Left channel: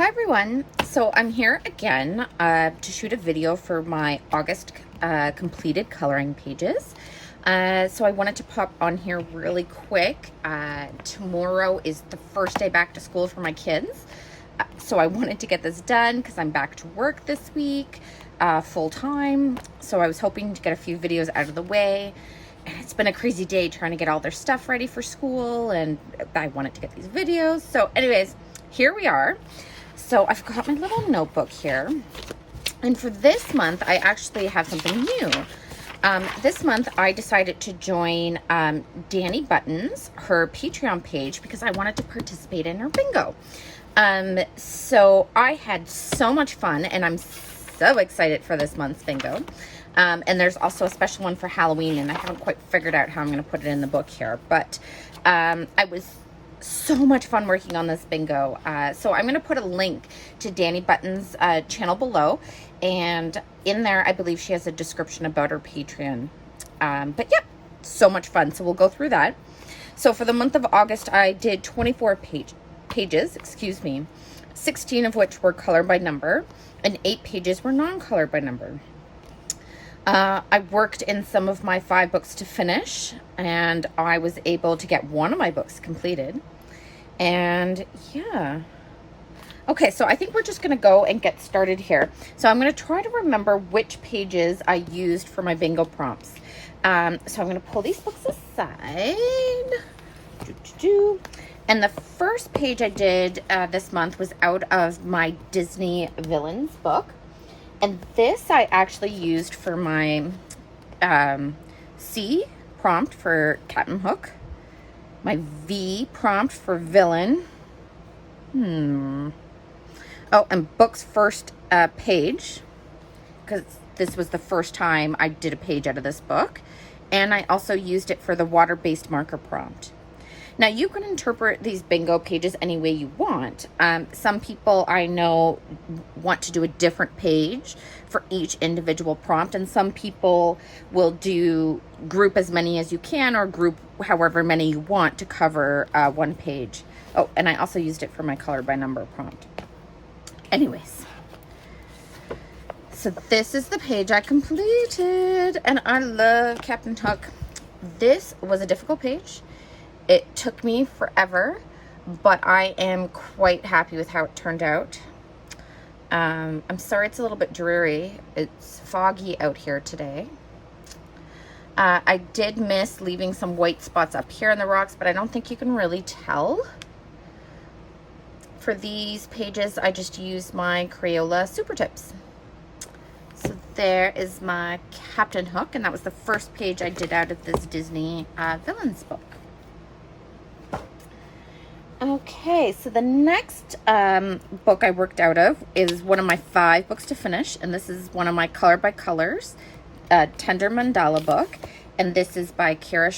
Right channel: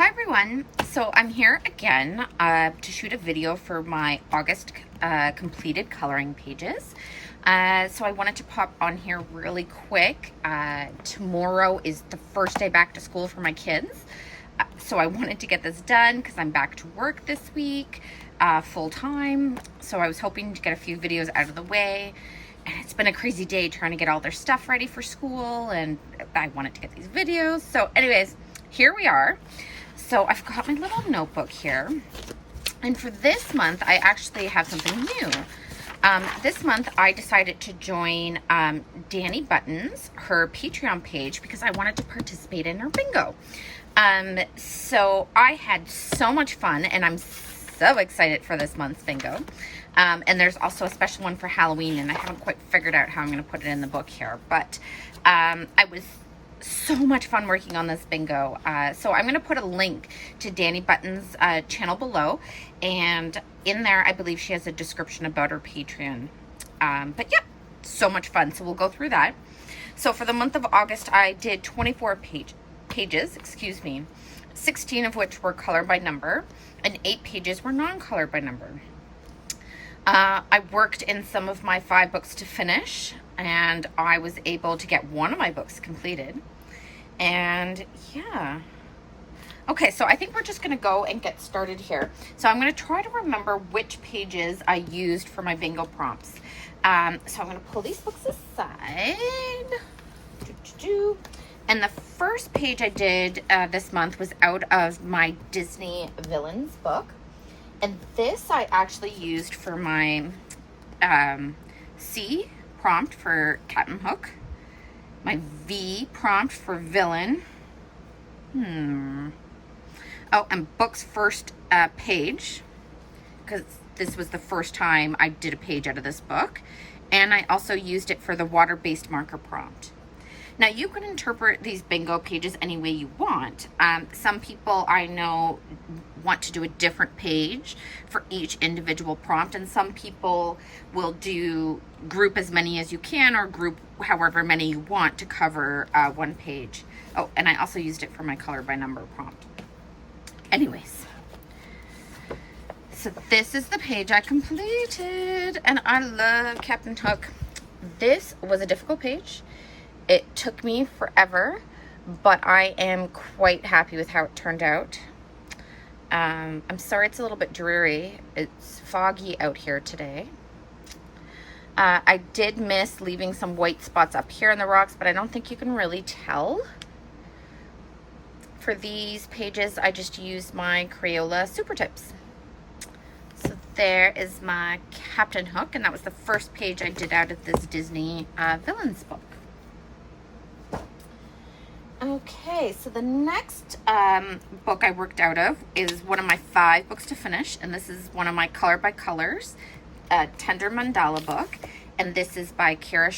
Hi everyone, so I'm here again to shoot a video for my August completed coloring pages. So I wanted to pop on here really quick. Tomorrow is the first day back to school for my kids. So I wanted to get this done because I'm back to work this week full time. So I was hoping to get a few videos out of the way. And it's been a crazy day trying to get all their stuff ready for school, and I wanted to get these videos. So anyways, here we are. So I've got my little notebook here, and for this month I actually have something new. This month I decided to join Dani Buttons, her Patreon page, because I wanted to participate in her bingo. So I had so much fun, and I'm so excited for this month's bingo. And there's also a special one for Halloween, and I haven't quite figured out how I'm going to put it in the book here, but I was so much fun working on this bingo. So I'm going to put a link to Dani Buttons' channel below, and in there I believe she has a description about her Patreon. But yeah, so much fun. So we'll go through that. So for the month of August I did 24 pages, 16 of which were color by number, and 8 pages were non-color by number. I worked in some of my 5 books to finish, and I was able to get one of my books completed. And yeah. Okay, so I think we're just going to go and get started here. So I'm going to try to remember which pages I used for my bingo prompts. So I'm going to pull these books aside. And the first page I did this month was out of my Disney Villains book. And this I actually used for my C prompt for Captain Hook, my V prompt for Villain. Oh, and book's first page, because this was the first time I did a page out of this book. And I also used it for the water-based marker prompt. Now, you can interpret these bingo pages any way you want. Some people I know want to do a different page for each individual prompt, and some people will do group as many as you can, or group however many you want to cover one page. Oh, and I also used it for my color by number prompt. Anyways, so this is the page I completed, and I love Captain Hook. This was a difficult page. It took me forever, but I am quite happy with how it turned out. I'm sorry it's a little bit dreary. It's foggy out here today. I did miss leaving some white spots up here in the rocks, but I don't think you can really tell. For these pages, I just used my Crayola Super Tips. So there is my Captain Hook, and that was the first page I did out of this Disney Villains book. Okay, so the next book I worked out of is one of my 5 books to finish, and this is one of my color by colors, Tender Mandala book, and this is by Kira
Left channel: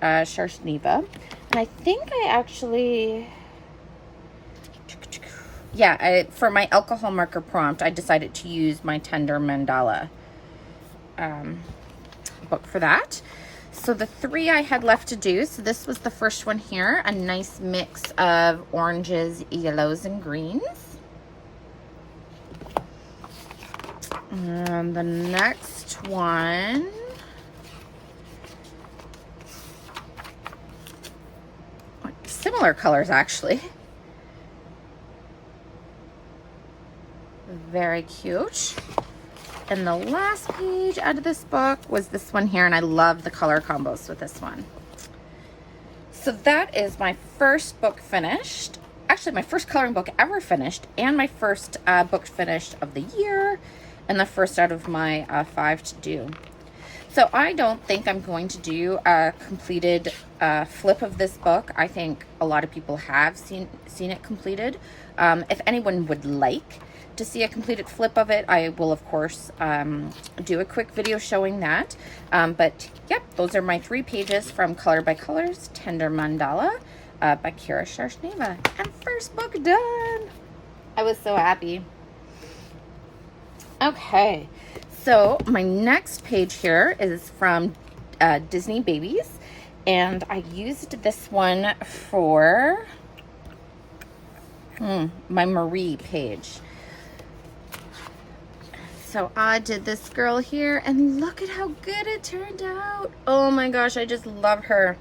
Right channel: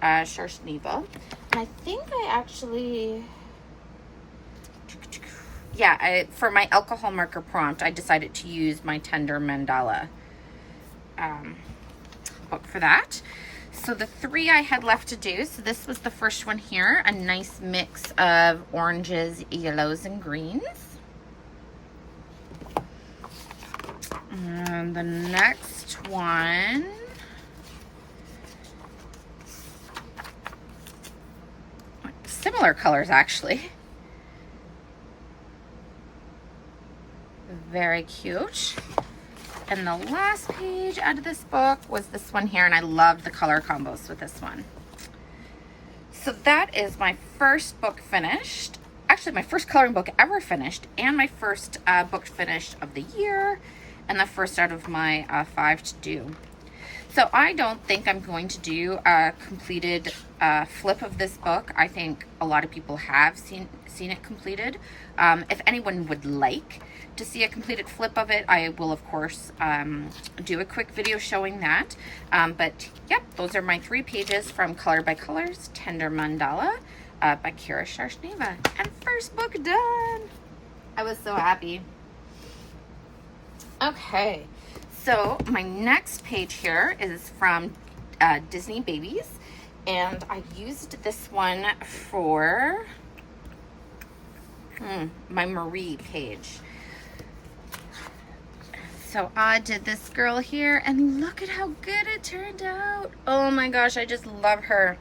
Sharshneva. And I think I actually, yeah, for my alcohol marker prompt, I decided to use my Tender Mandala book for that. So the 3 I had left to do, so this was the first one here, a nice mix of oranges, yellows, and greens. And the next one, similar colors actually. Very cute. And the last page out of this book was this one here, and I love the color combos with this one. So that is my first book finished. Actually, my first coloring book ever finished, and my first book finished of the year, and the first out of my 5 to do. So I don't think I'm going to do a completed flip of this book. I think a lot of people have seen it completed. If anyone would like to see a completed flip of it, I will of course do a quick video showing that. But yep, those are my 3 pages from Color by Colors, Tender Mandala by Kira Sharshneva. And first book done! I was so happy. Okay, so my next page here is from Disney Babies, and I used this one for my Marie page. So I did this girl here, and look at how good it turned out. Oh my gosh, I just love her.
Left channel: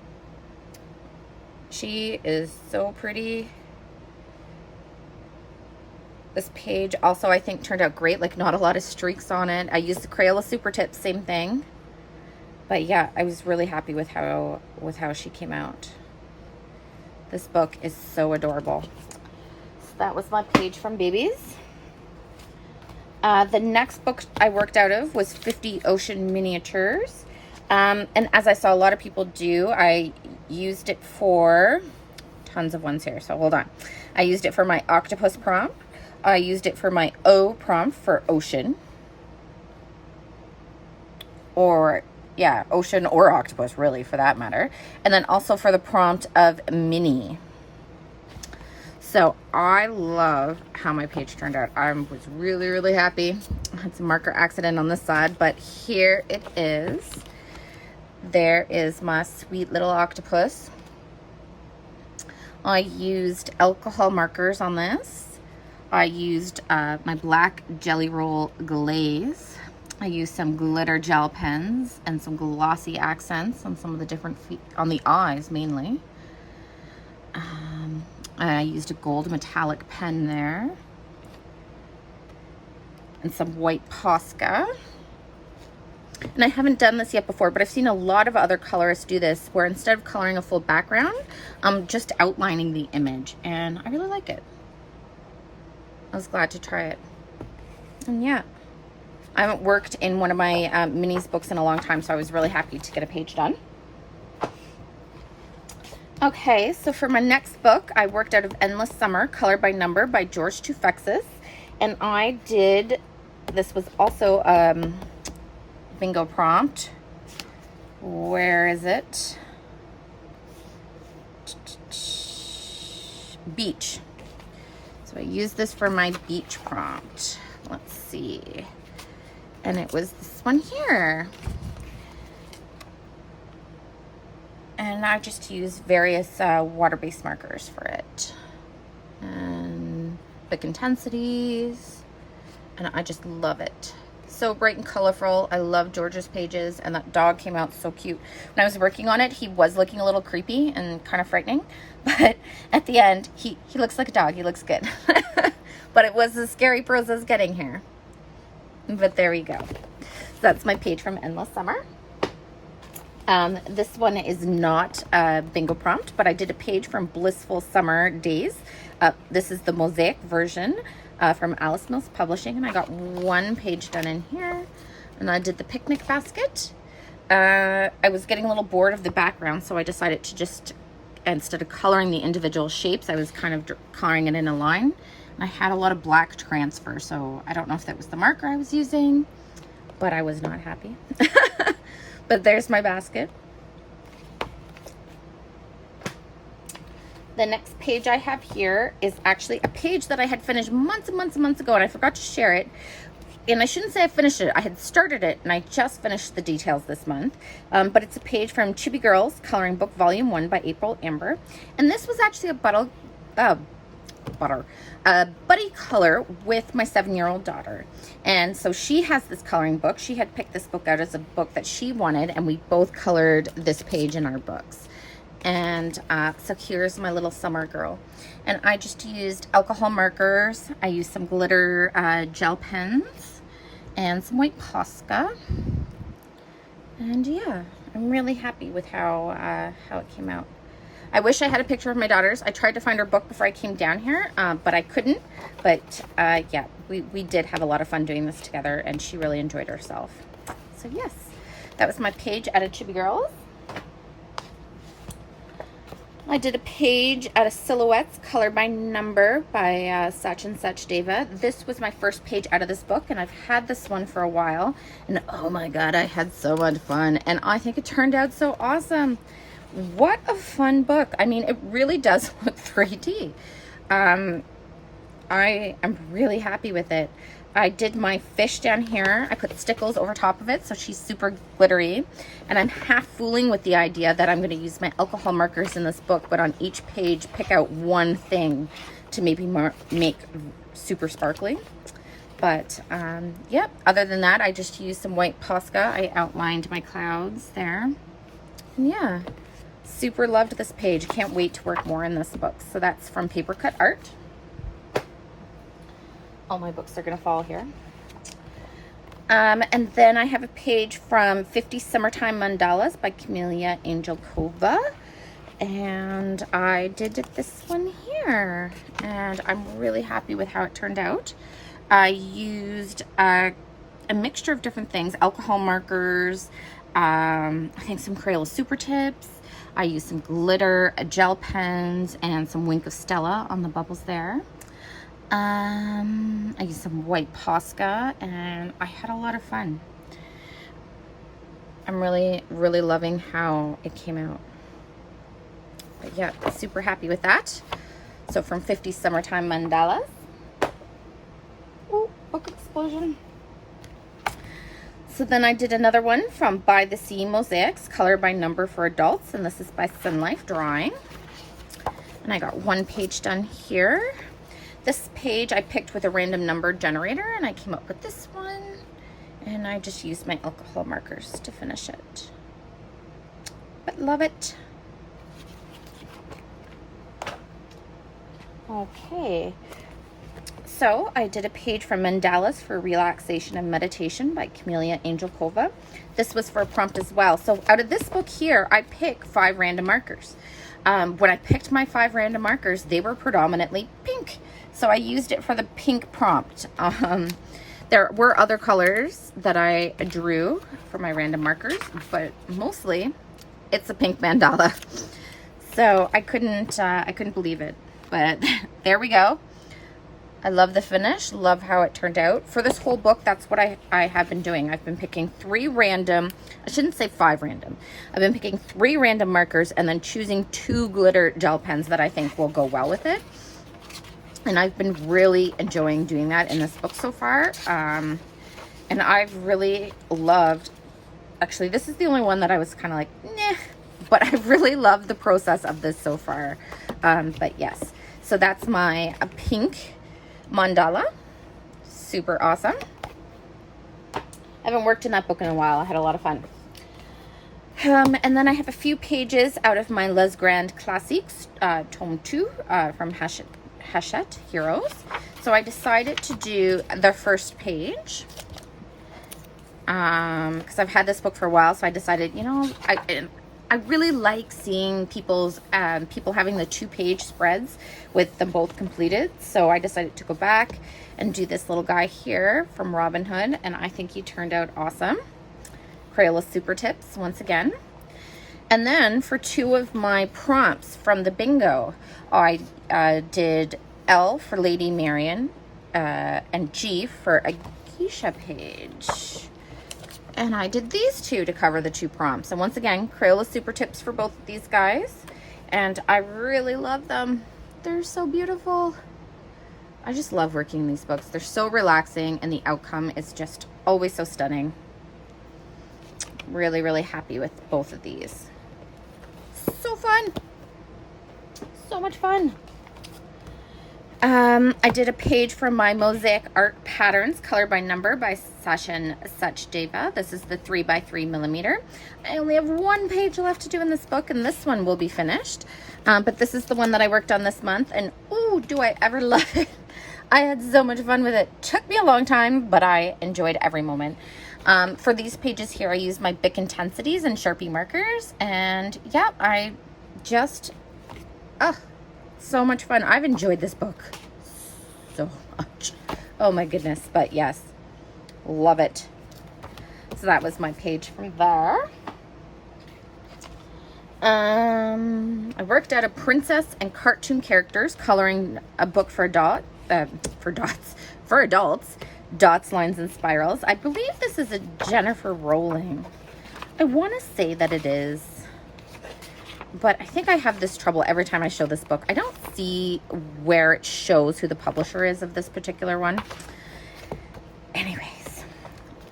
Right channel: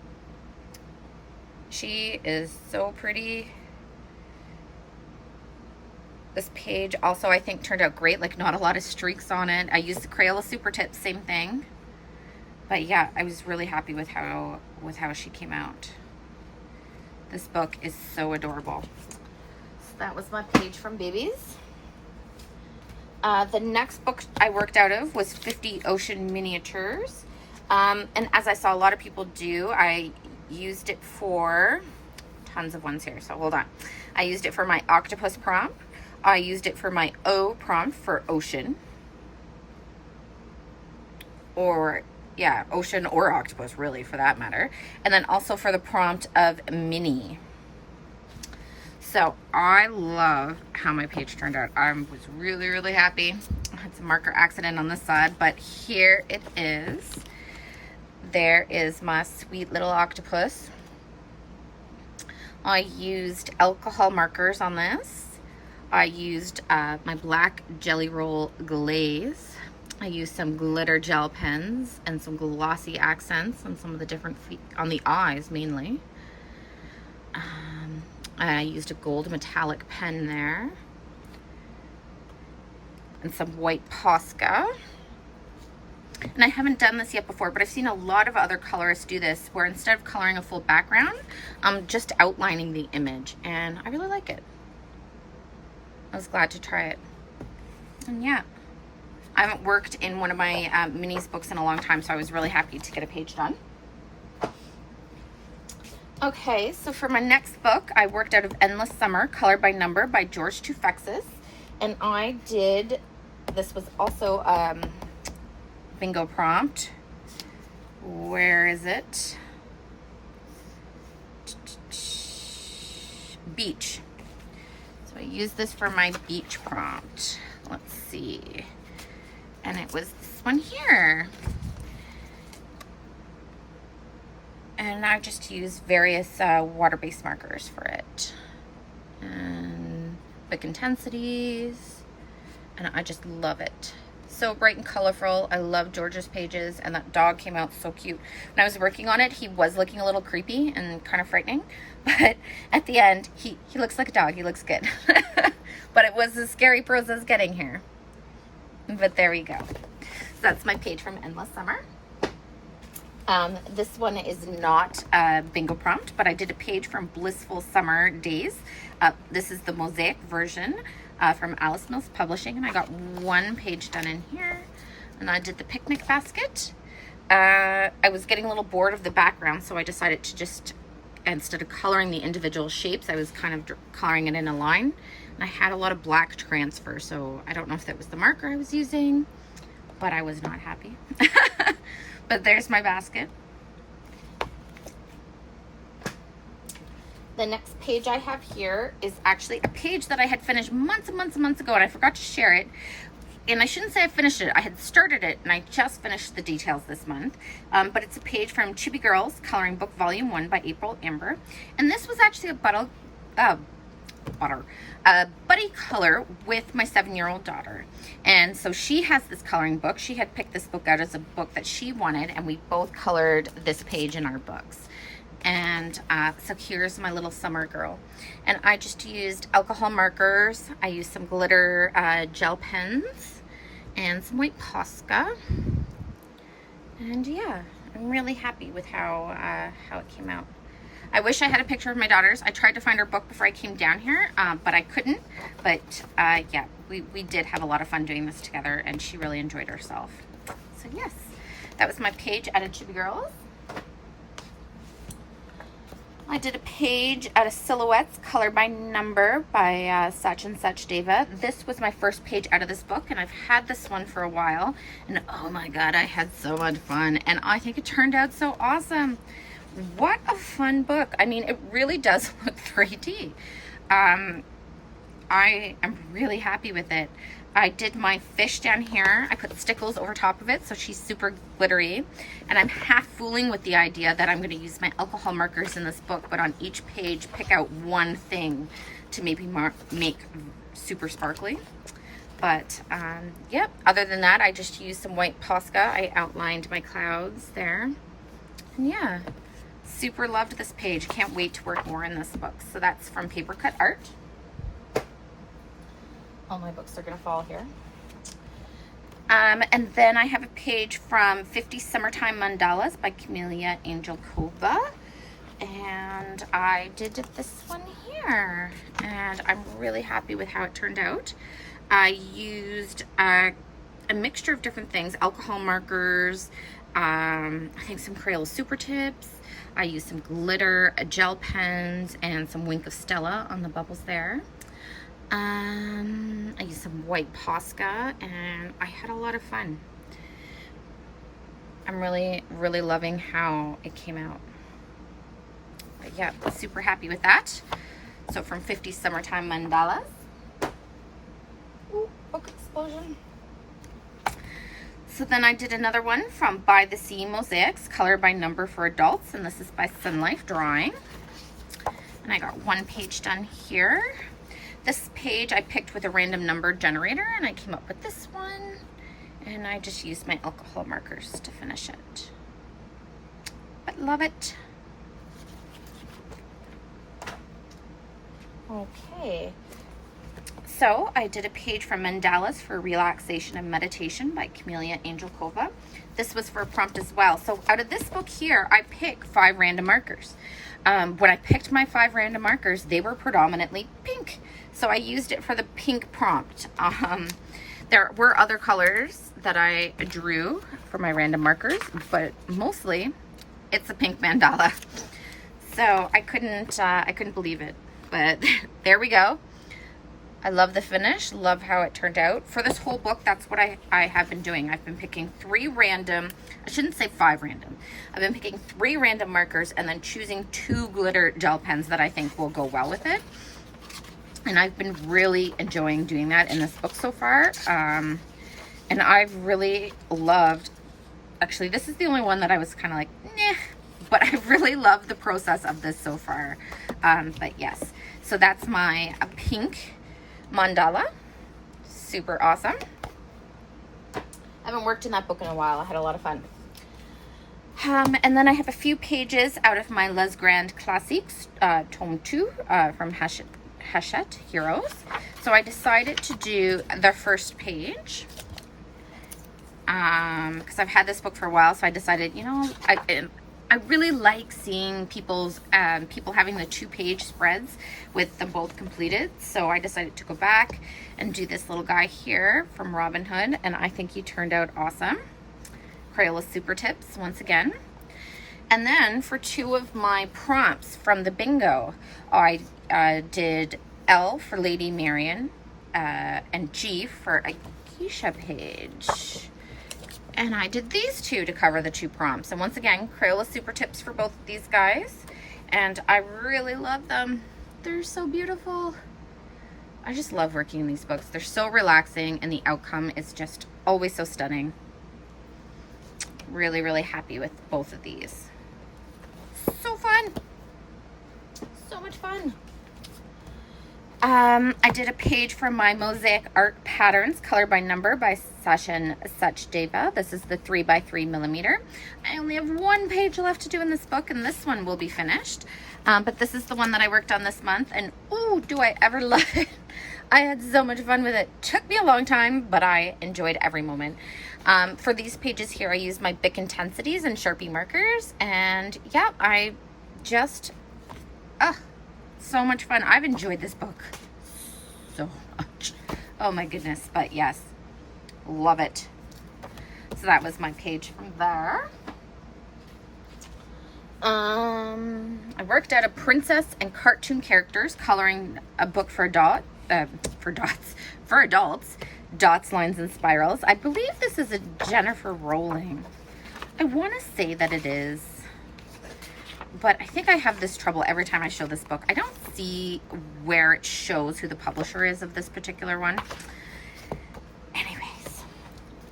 She is so pretty. This page also, I think, turned out great. Like, not a lot of streaks on it. I used the Crayola Super Tip, same thing. But yeah, I was really happy with how she came out. This book is so adorable. So that was my page from Babies. The next book I worked out of was 50 Ocean Miniatures. And as I saw a lot of people do, I used it for tons of ones here. So hold on. I used it for my octopus prompt. I used it for my O prompt for ocean. Or, yeah, ocean or octopus, really, for that matter. And then also for the prompt of mini. So I love how my page turned out. I was really, really happy. I had some marker accident on this side, but here it is. There is my sweet little octopus. I used alcohol markers on this. I used my black Jelly Roll glaze. I used some glitter gel pens and some glossy accents on some of the different feet, on the eyes mainly. I used a gold metallic pen there. And some white Posca. And I haven't done this yet before, but I've seen a lot of other colorists do this, where instead of coloring a full background, I'm just outlining the image. And I really like it. I was glad to try it. And yeah, I haven't worked in one of my minis books in a long time, so I was really happy to get a page done. Okay, so for my next book, I worked out of Endless Summer, Color by Number by George Tufexis. And I did, this was also bingo prompt. Where is it? Beach. So I used this for my beach prompt. Let's see. And it was this one here. And I just used various water-based markers for it. And quick intensities. And I just love it. So bright and colorful. I love George's pages, and that dog came out so cute. When I was working on it, he was looking a little creepy and kind of frightening. But at the end, he looks like a dog. He looks good. But it was a scary process getting here. But there we go. So that's my page from Endless Summer. This one is not a bingo prompt, but I did a page from Blissful Summer Days. This is the Mosaic version from Alice Mills Publishing, and I got one page done in here. And I did the picnic basket. I was getting a little bored of the background, so I decided to just, instead of coloring the individual shapes, I was kind of coloring it in a line. And I had a lot of black transfer, so I don't know if that was the marker I was using, but I was not happy. But there's my basket. The next page I have here is actually a page that I had finished months and months and months ago, and I forgot to share it. And I shouldn't say I finished it. I had started it, and I just finished the details this month. But it's a page from Chibi Girls, Coloring Book Volume 1 by April Amber. And this was actually a buddy color with my 7-year-old daughter. And so she has this coloring book. She had picked this book out as a book that she wanted, and we both colored this page in our books. And so here's my little summer girl. And I just used alcohol markers. I used some glitter gel pens and some white Posca. And yeah, I'm really happy with how it came out. I wish I had a picture of my daughters. I tried to find her book before I came down here, but I couldn't. But yeah, we did have a lot of fun doing this together, and she really enjoyed herself. So yes, that was my page out of Chibi Girls. I did a page out of Silhouettes, Color by Number by Such and Such Deva. This was my first page out of this book, and I've had this one for a while. And oh my god, I had so much fun, and I think it turned out so awesome. What a fun book. I mean, it really does look 3D. I am really happy with it. I did my fish down here. I put stickles over top of it, so she's super glittery. And I'm half fooling with the idea that I'm going to use my alcohol markers in this book, but on each page pick out one thing to maybe make super sparkly. But yep, other than that, I just used some white Posca. I outlined my clouds there. And yeah, super loved this page. Can't wait to work more in this book. So that's from Paper Cut Art. All my books are going to fall here. And then I have a page from 50 Summertime Mandalas by Camellia Angelkova. And I did this one here. And I'm really happy with how it turned out. I used a mixture of different things. Alcohol markers, I think some Crayola Super Tips. I used some glitter, gel pens, and some Wink of Stella on the bubbles there. I used some white Posca, and I had a lot of fun. I'm really, really loving how it came out. But yeah, super happy with that. So from 50 Summertime Mandalas. Oh, book explosion. So then I did another one from By the Sea Mosaics, Color by Number for Adults, and this is by Sun Life Drawing. And I got one page done here. This page I picked with a random number generator, and I came up with this one, and I just used my alcohol markers to finish it. But love it. Okay, so I did a page from Mandalas for Relaxation and Meditation by Camellia Angelkova. This was for a prompt as well. So out of this book here, I picked 5 random markers. When I picked my 5 random markers, they were predominantly pink. So I used it for the pink prompt. There were other colors that I drew for my random markers, but mostly it's a pink mandala. So I couldn't believe it, but there we go. I love the finish, love how it turned out. For this whole book, that's what I have been doing. I've been picking 3 random, I shouldn't say 5 random. I've been picking 3 random markers and then choosing 2 glitter gel pens that I think will go well with it. And I've been really enjoying doing that in this book so far. And I've really loved, actually this is the only one that I was kind of like, nah, but I really love the process of this so far. But yes, so that's my pink mandala. Super awesome. I haven't worked in that book in a while. I had a lot of fun. And then I have a few pages out of my Les Grandes Classiques, Tome 2 from Hachette Heroes. So I decided to do the first page because I've had this book for a while. So I decided, you know, I really like seeing people having the 2-page spreads with them both completed. So I decided to go back and do this little guy here from Robin Hood, and I think he turned out awesome. Crayola Super Tips once again. And then for 2 of my prompts from the bingo, I did L for Lady Marian and G for a geisha page. And I did these 2 to cover the 2 prompts. And once again, Crayola Super Tips for both of these guys. And I really love them. They're so beautiful. I just love working in these books. They're so relaxing, and the outcome is just always so stunning. Really, really happy with both of these. So fun. So much fun. I did a page from my Mosaic Art Patterns, Color by Number by Sachin Sachdeva. This is the 3x3mm. I only have 1 page left to do in this book, and this one will be finished. But this is the one that I worked on this month, and oh, do I ever love it. I had so much fun with it. Took me a long time, but I enjoyed every moment. For these pages here, I used my Bic Intensities and Sharpie markers, and yeah, I just, so much fun. I've enjoyed this book so much. Oh my goodness, but yes, love it. So that was my page from there. I worked out a princess and cartoon characters coloring a book for adults, dots, lines, and spirals. I believe this is a Jennifer Rowling. I want to say that it is. but I think I have this trouble every time I show this book. I don't see where it shows who the publisher is of this particular one. Anyways,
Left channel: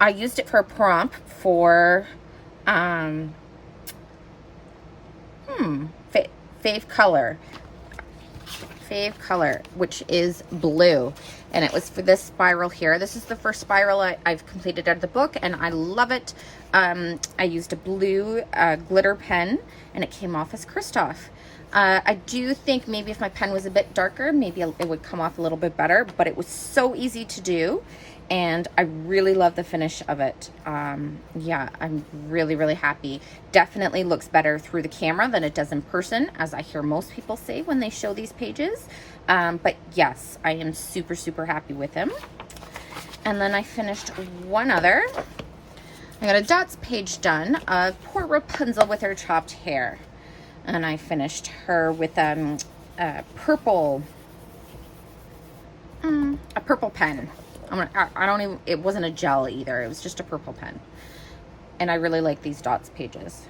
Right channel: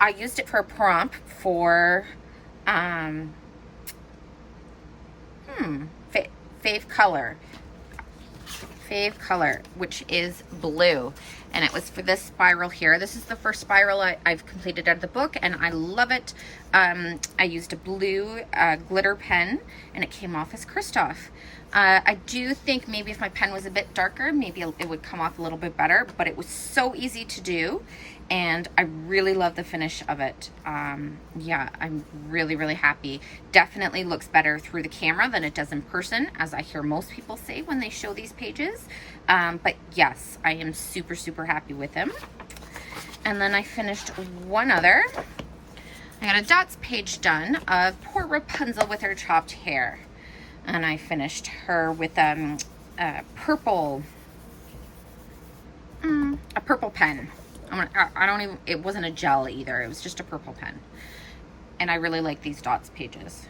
I used it for a prompt for fave color, which is blue, and it was for this spiral here. This is the first spiral I've completed out of the book, and I love it. I used a blue glitter pen, and it came off as Kristoff. I do think maybe if my pen was a bit darker, maybe it would come off a little bit better, but it was so easy to do, and I really love the finish of it. Yeah, I'm really, really happy. Definitely looks better through the camera than it does in person, as I hear most people say when they show these pages. But yes, I am super, super happy with them. And then I finished one other. I got a dots page done of poor Rapunzel with her chopped hair. And I finished her with a purple pen. It wasn't a gel either. It was just a purple pen. And I really like these dots pages.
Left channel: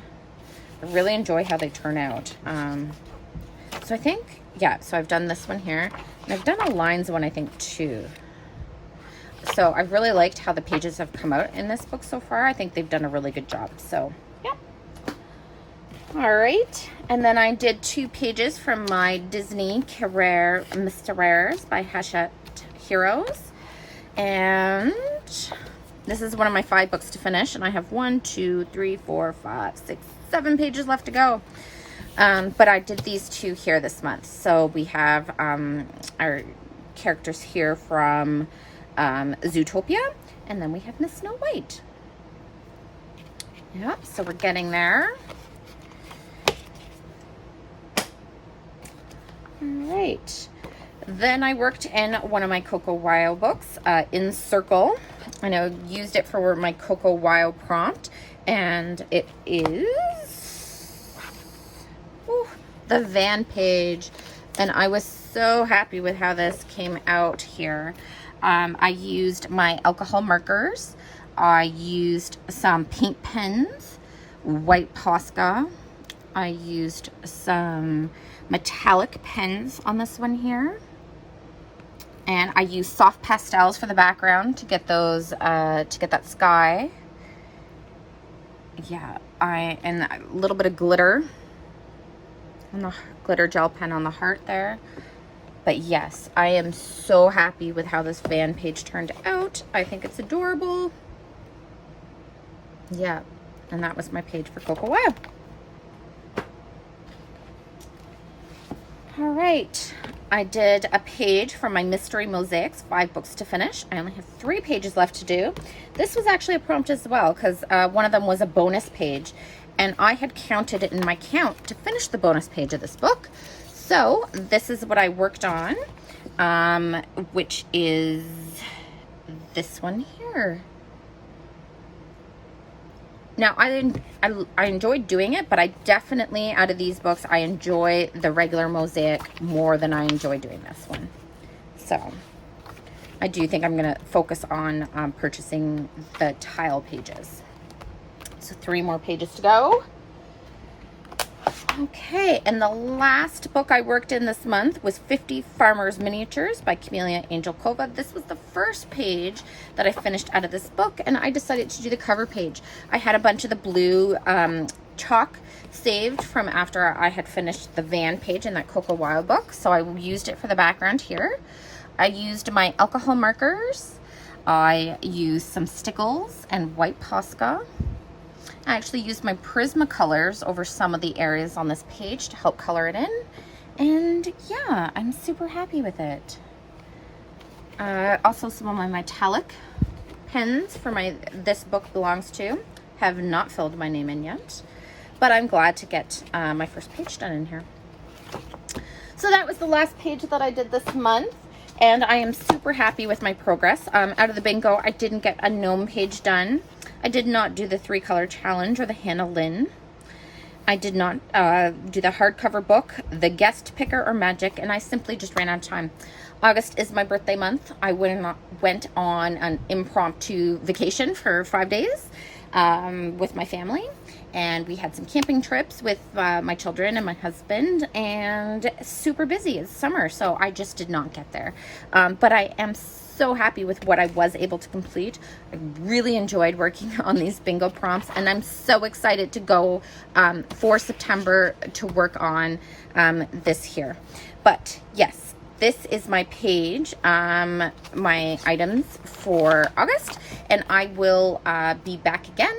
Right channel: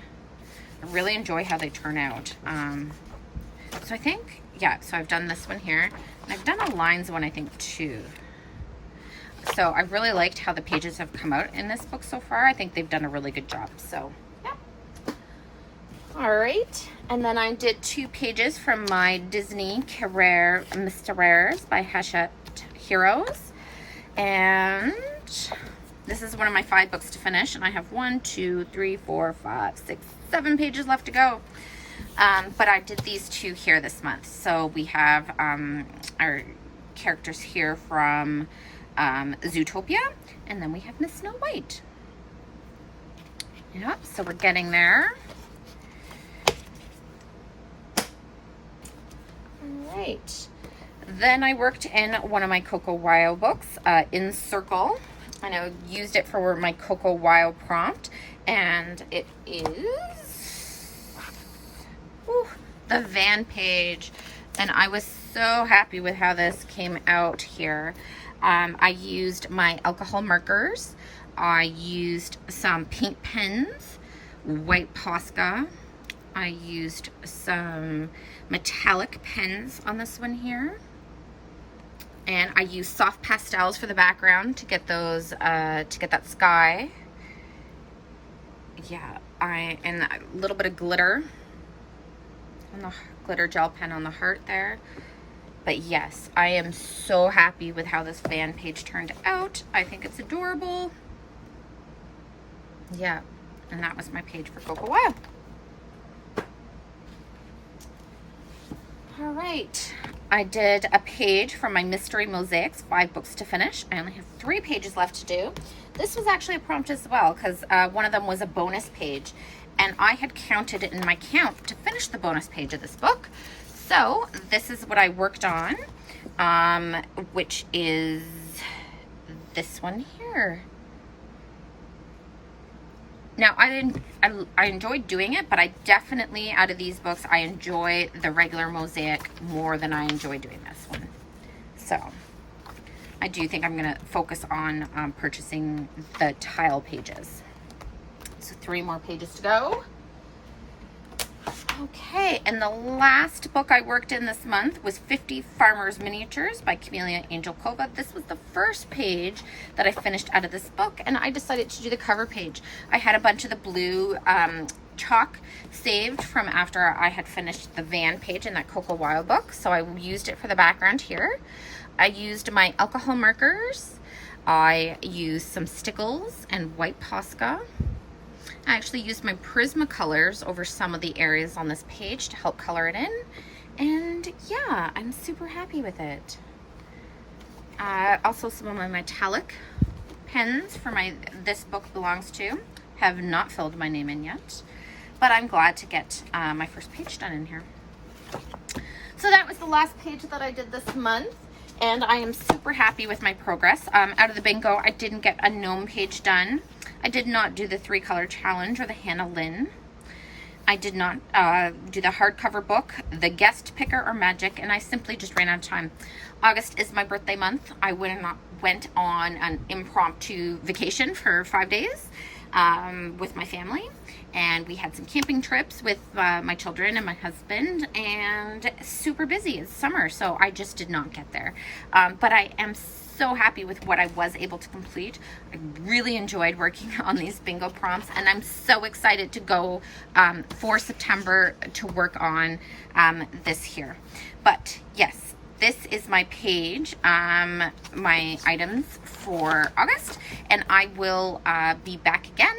I really enjoy how they turn out. So I think, yeah, so I've done this one here. And I've done a lines one, I think, too. So I really liked how the pages have come out in this book so far. I think they've done a really good job. So, yeah. All right. And then I did 2 pages from my Disney Carrere Mysteries by Hachette Heroes. And this is one of my 5 books to finish, and I have 1, 2, 3, 4, 5, 6, 7 pages left to go. But I did these 2 here this month. So we have our characters here from Zootopia, and then we have Miss Snow White. Yep, so we're getting there. All right. Then I worked in one of my Coco Wild books, In Circle, and I used it for my Coco Wild prompt, and it is the van page, and I was so happy with how this came out here. I used my alcohol markers, I used some paint pens, white Posca, I used some metallic pens on this one here. And I used soft pastels for the background to get those, to get that sky. Yeah, and a little bit of glitter on the glitter gel pen on the heart there. But yes, I am so happy with how this van page turned out. I think it's adorable. Yeah, and that was my page for Coco Wild. All right, I did a page from my Mystery Mosaics, 5 books to finish. I only have 3 pages left to do. This was actually a prompt as well, because one of them was a bonus page, and I had counted it in my count to finish the bonus page of this book. So this is what I worked on, which is this one here. Now, I enjoyed doing it, but I definitely, out of these books, I enjoy the regular Mosaic more than I enjoy doing this one. So, I do think I'm going to focus on purchasing the tile pages. So, 3 more pages to go. Okay, and the last book I worked in this month was 50 Farmers Miniatures by Camellia Angelkova. This was the first page that I finished out of this book, and I decided to do the cover page. I had a bunch of the blue chalk saved from after I had finished the van page in that Coco Wild book, so I used it for the background here. I used my alcohol markers. I used some stickles and white Posca. I actually used my Prismacolors over some of the areas on this page to help color it in. And yeah, I'm super happy with it. Also some of my metallic pens for this book belongs to. Have not filled my name in yet, but I'm glad to get my first page done in here. So that was the last page that I did this month, and I am super happy with my progress. Out of the bingo, I didn't get a gnome page done. I did not do the 3-color challenge or the Hannah Lynn. I did not do the hardcover book, the guest picker, or magic, and I simply just ran out of time. August is my birthday month. I went on an impromptu vacation for 5 days with my family, and we had some camping trips with my children and my husband, and super busy. It's summer, so I just did not get there. But I am so happy with what I was able to complete. I really enjoyed working on these bingo prompts, and I'm so excited to go for September to work on this here. But yes, this is my page, my items for August, and I will be back again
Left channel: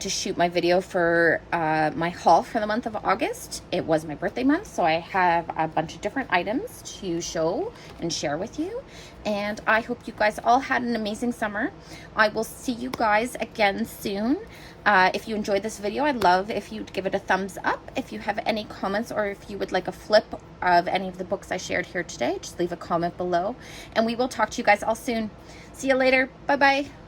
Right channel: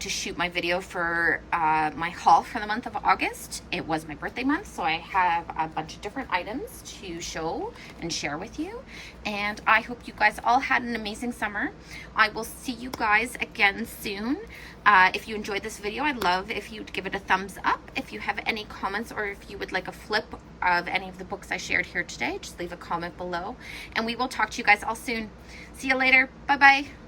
to shoot my video for my haul for the month of August. It was my birthday month, so I have a bunch of different items to show and share with you. And I hope you guys all had an amazing summer. I will see you guys again soon. If you enjoyed this video, I'd love if you'd give it a thumbs up. If you have any comments, or if you would like a flip of any of the books I shared here today, just leave a comment below. And we will talk to you guys all soon. See you later. Bye-bye.